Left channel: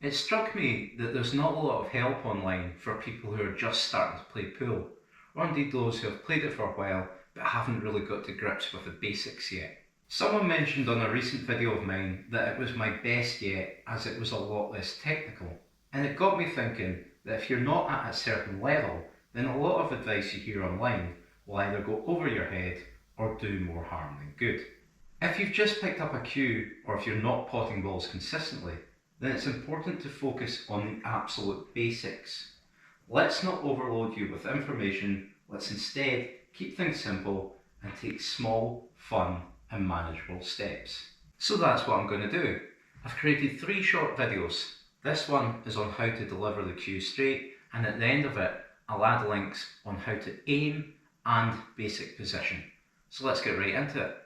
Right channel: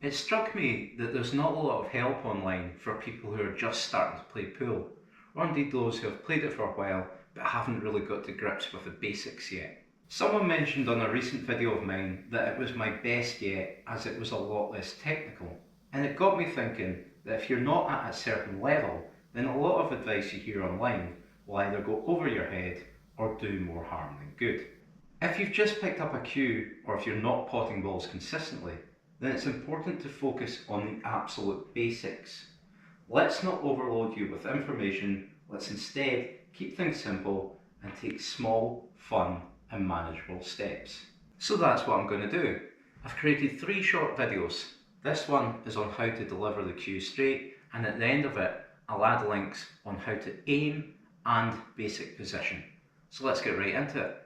It struck me that there's not a lot of help online for people who are just starting to play pool, or indeed those who have played it for a while but haven't really got to grips with the basics yet. Someone mentioned on a recent video of mine that it was my best yet as it was a lot less technical, and it got me thinking that if you're not at a certain level, then a lot of advice you hear online will either go over your head or do more harm than good. If you've just picked up a cue, or if you're not potting balls consistently, then it's important to focus on the absolute basics. Let's not overload you with information, let's instead keep things simple and take small, fun and manageable steps. So that's what I'm going to do. I've created 3 short videos. This one is on how to deliver the cue straight, and at the end of it I'll add links on how to aim and basic position. So let's get right into it.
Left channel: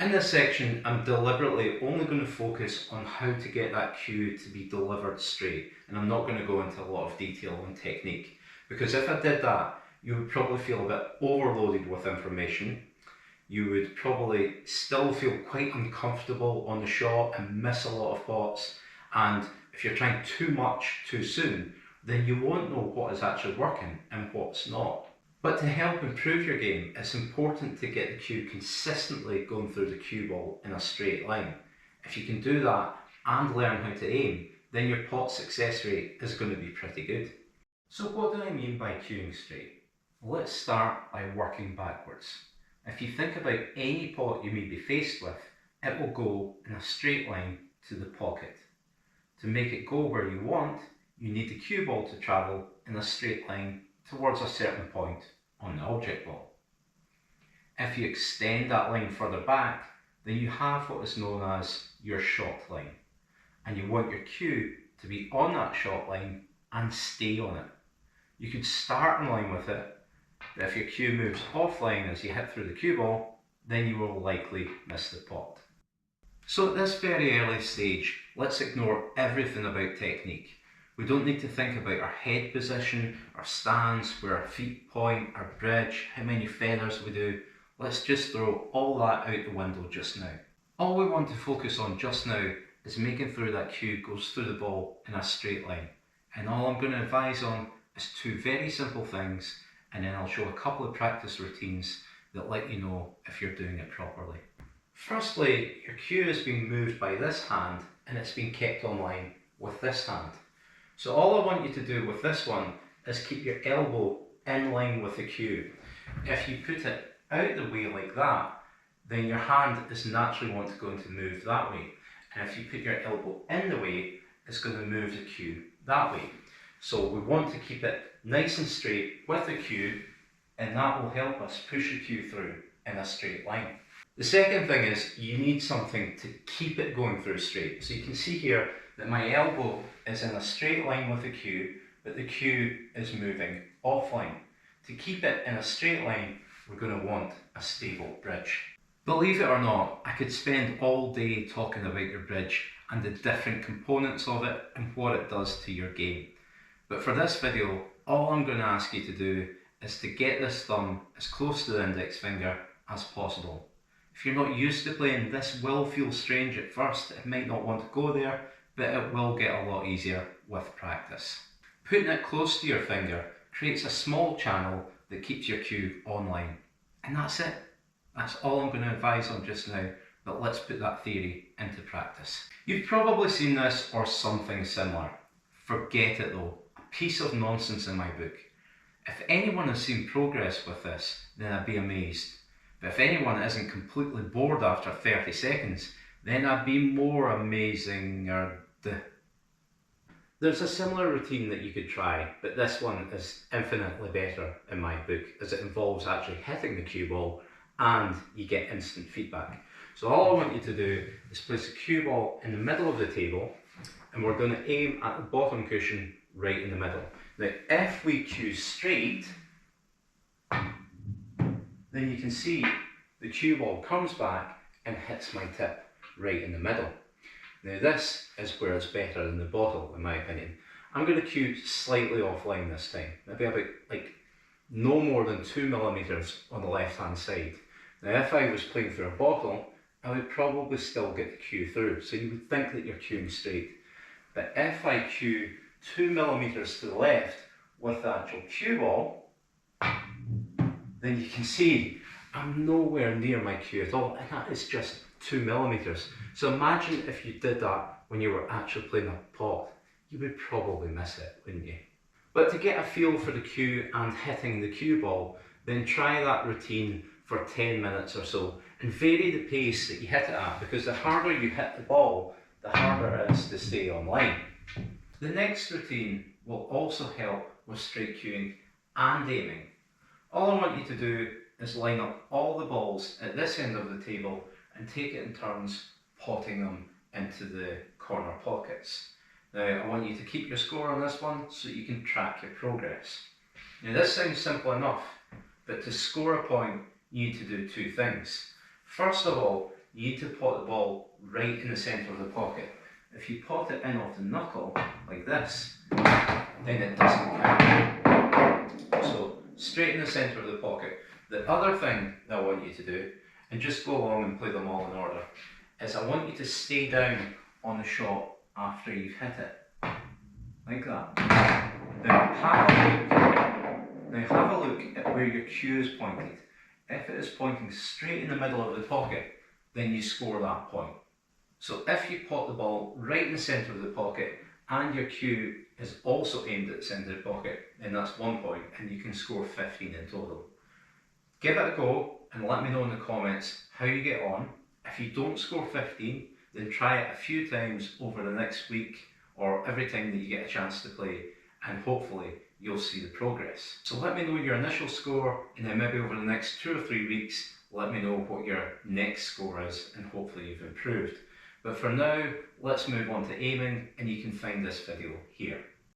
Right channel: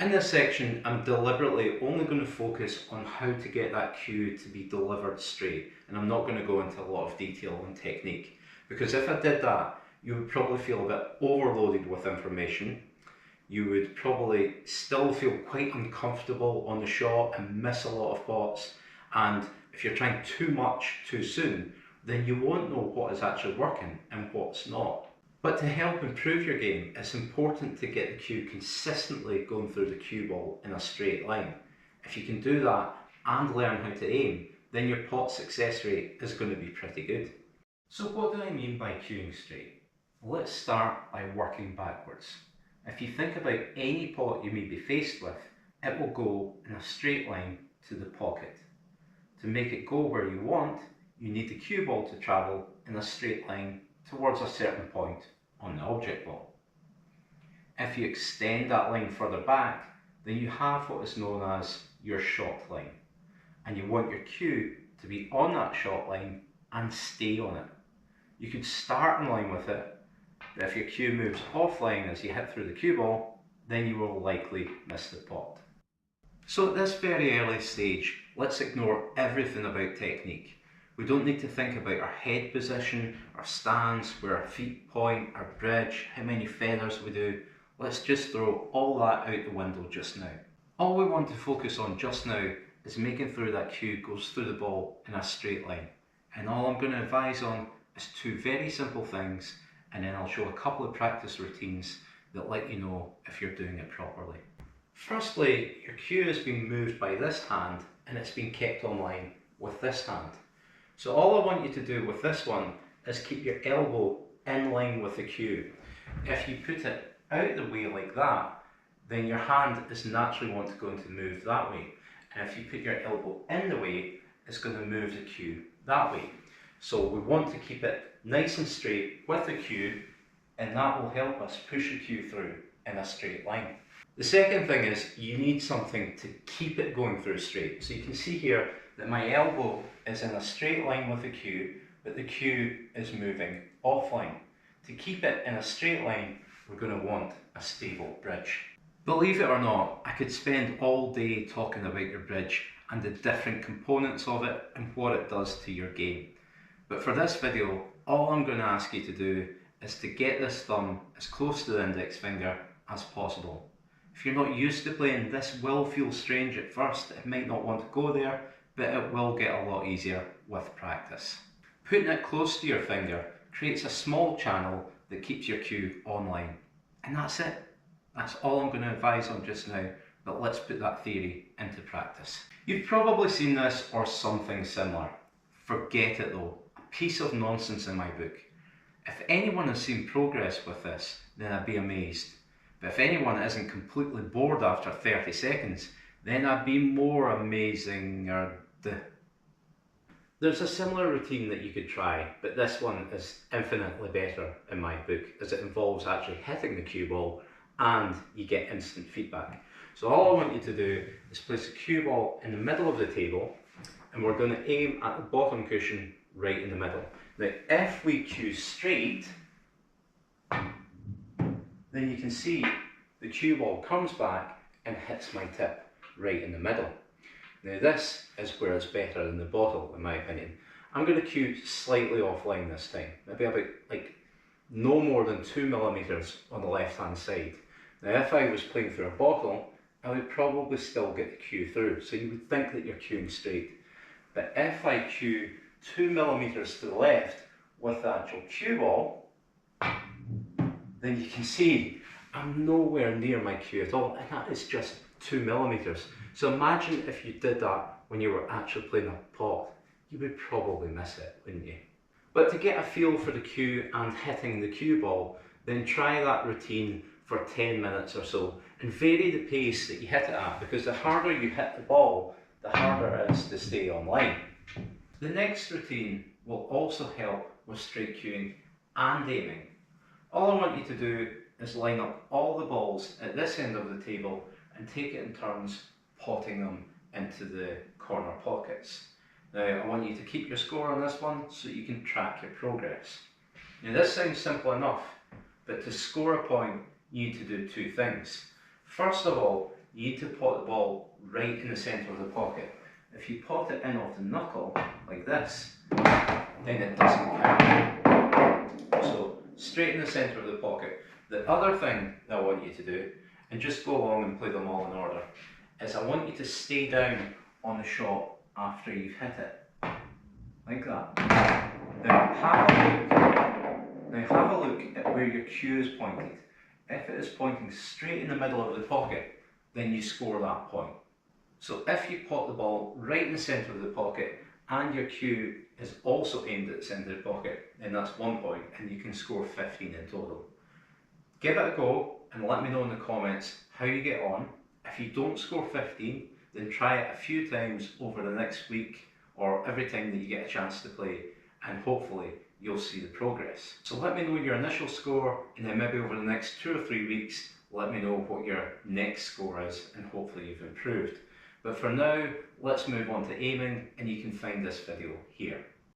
In this section, I'm deliberately only going to focus on how to get that cue to be delivered straight, and I'm not going to go into a lot of detail on technique, because if I did that, you would probably feel a bit overloaded with information. You would probably still feel quite uncomfortable on the shot and miss a lot of pots, and if you're trying too much too soon, then you won't know what is actually working and what's not. But to help improve your game, it's important to get the cue consistently going through the cue ball in a straight line. If you can do that and learn how to aim, then your pot success rate is going to be pretty good. So what do I mean by cueing straight? Let's start by working backwards. If you think about any pot you may be faced with, it will go in a straight line to the pocket. To make it go where you want, you need the cue ball to travel in a straight line towards a certain point on the object ball. If you extend that line further back, then you have what is known as your shot line, and you want your cue to be on that shot line and stay on it. You could start in line with it, but if your cue moves offline as you hit through the cue ball, then you will likely miss the pot. So at this very early stage, let's ignore everything about technique. We don't need to think about our head position, our stance, where our feet point, our bridge, how many feathers we do. Let's just throw all that out the window just now. All we want to focus on just now is making sure that cue goes through the ball in a straight line. And all I'm going to advise on is 2 very simple things, and then I'll show a couple of practice routines that let you know if you're doing it properly. Firstly, your cue is being moved by this hand and it's being kept online with this hand. So all I want you to do with this one is keep your elbow in line with the cue. If you put it out the way like that, then your hand is naturally going to move that way. And if you put your elbow in the way, it's going to move the cue that way. So we want to keep it nice and straight with the cue, and that will help us push the cue through in a straight line. The second thing is you need something to keep it going through straight. So you can see here that my elbow is in a straight line with the cue, but the cue is moving offline. To keep it in a straight line, we're going to want a stable bridge. Believe it or not, I could spend all day talking about your bridge and the different components of it and what it does to your game. But for this video, all I'm going to ask you to do is to get this thumb as close to the index finger as possible. If you're not used to playing, this will feel strange at first. It might not want to go there, but it will get a lot easier with practice. Putting it close to your finger creates a small channel that keeps your cue online. And that's it. That's all I'm going to advise on just now, but let's put that theory into practice. You've probably seen this or something similar. Forget it though, a piece of nonsense in my book. If anyone has seen progress with this, then I'd be amazed. But if anyone isn't completely bored after 30 seconds, then I'd be more amazing. There's a similar routine that you could try, but this one is infinitely better in my book, as it involves actually hitting the cue ball and you get instant feedback. So all I want you to do is place the cue ball in the middle of the table, and we're going to aim at the bottom cushion right in the middle. Now if we cue straight, then you can see the cue ball comes back and hits my tip right in the middle. Now this is where it's better than the bottle in my opinion. I'm going to cue slightly offline this time, maybe about no more than 2mm on the left hand side. Now if I was playing through a bottle, I would probably still get the cue through, so you would think that you're cueing straight. But if I cue 2mm to the left with the actual cue ball, then you can see I'm nowhere near my cue at all, and that is just 2mm. So imagine if you did that when you were actually playing a pot, you would probably miss it, wouldn't you? But to get a feel for the cue and hitting the cue ball, then try that routine for 10 minutes or so and vary the pace that you hit it at, because the harder you hit the ball, the harder it is to stay on line. The next routine will also help with straight cueing and aiming. All I want you to do is line up all the balls at this end of the table and take it in turns potting them into the corner pockets. Now I want you to keep your score on this one so you can track your progress. Now this sounds simple enough, but to score a point you need to do two things. First of all, you need to pot the ball right in the centre of the pocket. If you pot it in off the knuckle, like this, then it doesn't count. So straight in the centre of the pocket. The other thing that I want you to do, and just go along and play them all in order, is I want you to stay down on the shot after you've hit it. Like that. Now have a look at where your cue is pointed. If it is pointing straight in the middle of the pocket, then you score that point. So if you pot the ball right in the centre of the pocket and your cue is also aimed at the centre of the pocket, then that's 1 point and you can score 15 in total. Give it a go and let me know in the comments how you get on. If you don't score 15, then try it a few times over the next week or every time that you get a chance to play, and hopefully you'll see the progress. So let me know your initial score, and then maybe over the next 2 or 3 weeks let me know what your next score is, and hopefully you've improved. But for now, let's move on to aiming, and you can find this video here.